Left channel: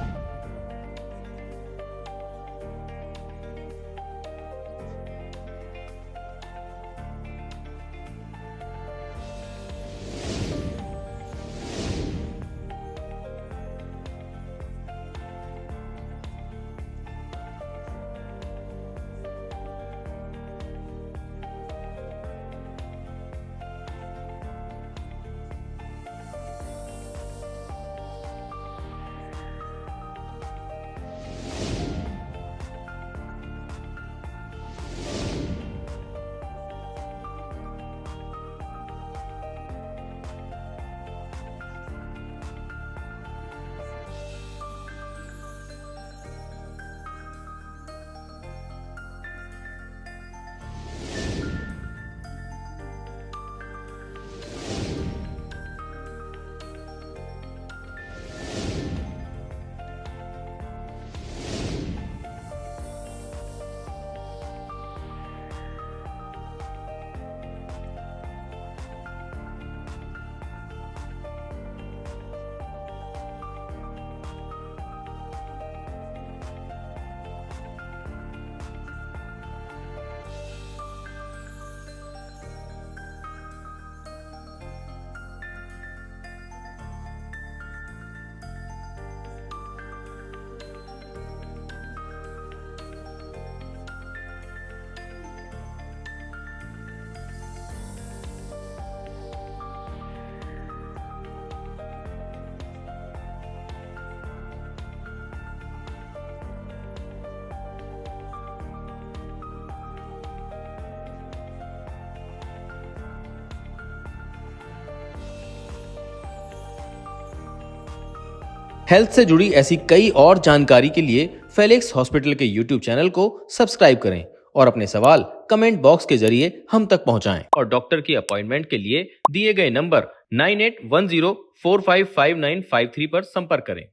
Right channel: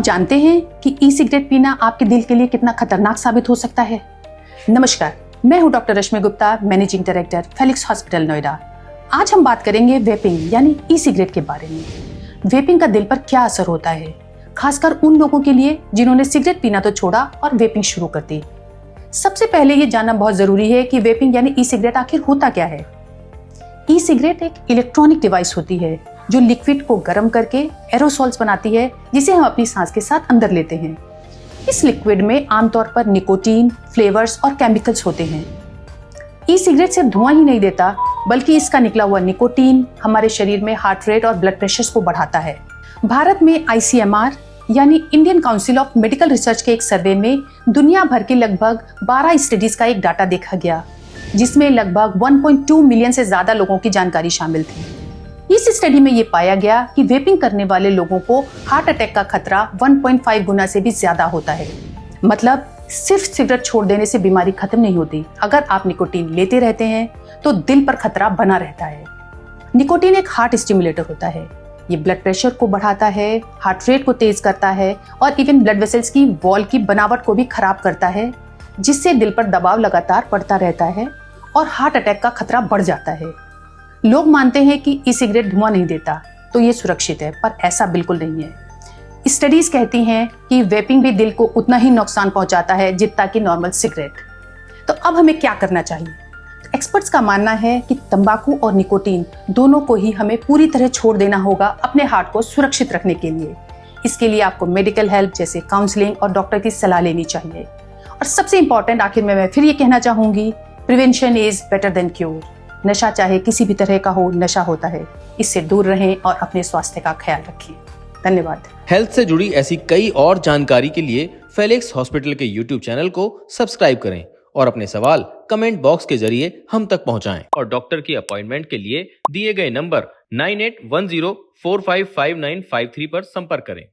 आप जानते हैं कि ई सिगरेट पीना आपके दिल के लिए कितना खतरनाक साबित हो सकता है? नमस्कार, मैं हूं doctor Rashmi Gupta, managing director Felix hospital Noida. आज हम बात करेंगे वेपिंग यानी ई सिगरेट के बारे में। वेपिंग का दिल पर क्या असर होता है, खासकर उन लोगों के लिए जिन्होंने सिगरेट पीना तो छोड़ा और वेपिंग शुरू कर दी। सबसे पहले ये जानना बहुत जरूरी है कि वेपिंग यानी ई सिगरेट आखिर होता क्या है। ई सिगरेट एक इलेक्ट्रॉनिक डिवाइस होती है जो लिक्विड को गर्म करके एरोसॉल्स बनाती है, जिसे हम अपनी सांस के साथ अंदर लेते हैं। इस लिक्विड में आमतौर पर निकोटीन, फ्लेवर्स और केमिकल्स होते हैं। ई सिगरेट सिर्फ धुआं ही नहीं देता, बल्कि इसका निकला हुआ निकोटीन हमारे शरीर में हार्ट रेट और ब्लड प्रेशर को बढ़ाता है। भारत में ICMR यानी Indian council of medical research के एक सर्वे में दुनिया भर के लगभग 12 स्टडीज का एक डाटा देखा गया, जिसमें लगभग 1.2 मिलियन से ज्यादा लोगों की जानकारी शामिल थी। इस स्टडी में ये पाया गया कि वेपिंग करने वाले लोगों को हार्ट अटैक का खतरा 1.5 गुना से भी ज्यादा होता है। मतलब सिर्फ सिगरेट छोड़ देने से बीमारी खत्म नहीं होती, अगर आप निकोटीन लेते रहते हैं तो दिल पर खतरा बना रहता है। निकोटीन एक हार्ट स्टिमुलेटर होता है। ये ब्लड प्रेशर को बढ़ाता है, हार्ट रेट को तेज करता है और इवन ब्लड वेसल्स की वॉल की बनावट को भी खराब करता है, जिससे दिल पर दबाव लगातार बढ़ता रहता है और हार्ट अटैक का खतरा बढ़ जाता है। लोग मानते हैं कि ई सिगरेट धुआं नहीं देता तो ये सुरक्षित है, पर ऐसा बिल्कुल नहीं है। स्टडीज कहती हैं कि वेपिंग भी दिल को उतना ही नुकसान पहुंचाता है जितना कि नॉर्मल सिगरेट। तो अब हमें क्या करना चाहिए? एक्सपर्ट्स का मानना है कि तंबाकू और निकोटीन दोनों को ही हमें पूरी तरह छोड़ देना होगा अपने हार्ट को सुरक्षित रखने के लिए। इसके लिए आपको मेडिकल हेल्प जैसे काउंसलिंग और डॉक्टर की सलाह लेनी चाहिए। और सबसे इंपॉर्टेंट आखिर में मैं फिर ये कहना चाहूंगी, prevention is better than cure. नशा चाहे किसी भी तरह का हो, नशा होता है। इससे दूर रहें और अपने स्वास्थ्य का ख्याल रखें। धन्यवाद। हेल्थ से जुड़ी ऐसी कई और जानकारी के लिए फेलिक्स हॉस्पिटल के YouTube चैनल को सब्सक्राइब करें और अपने सवाल कमेंट बॉक्स के जरिए हम तक पहुंचाएं। और डॉक्टर की अपॉइंटमेंट के लिए दिए गए नंबर 9810455953 पर संपर्क करें।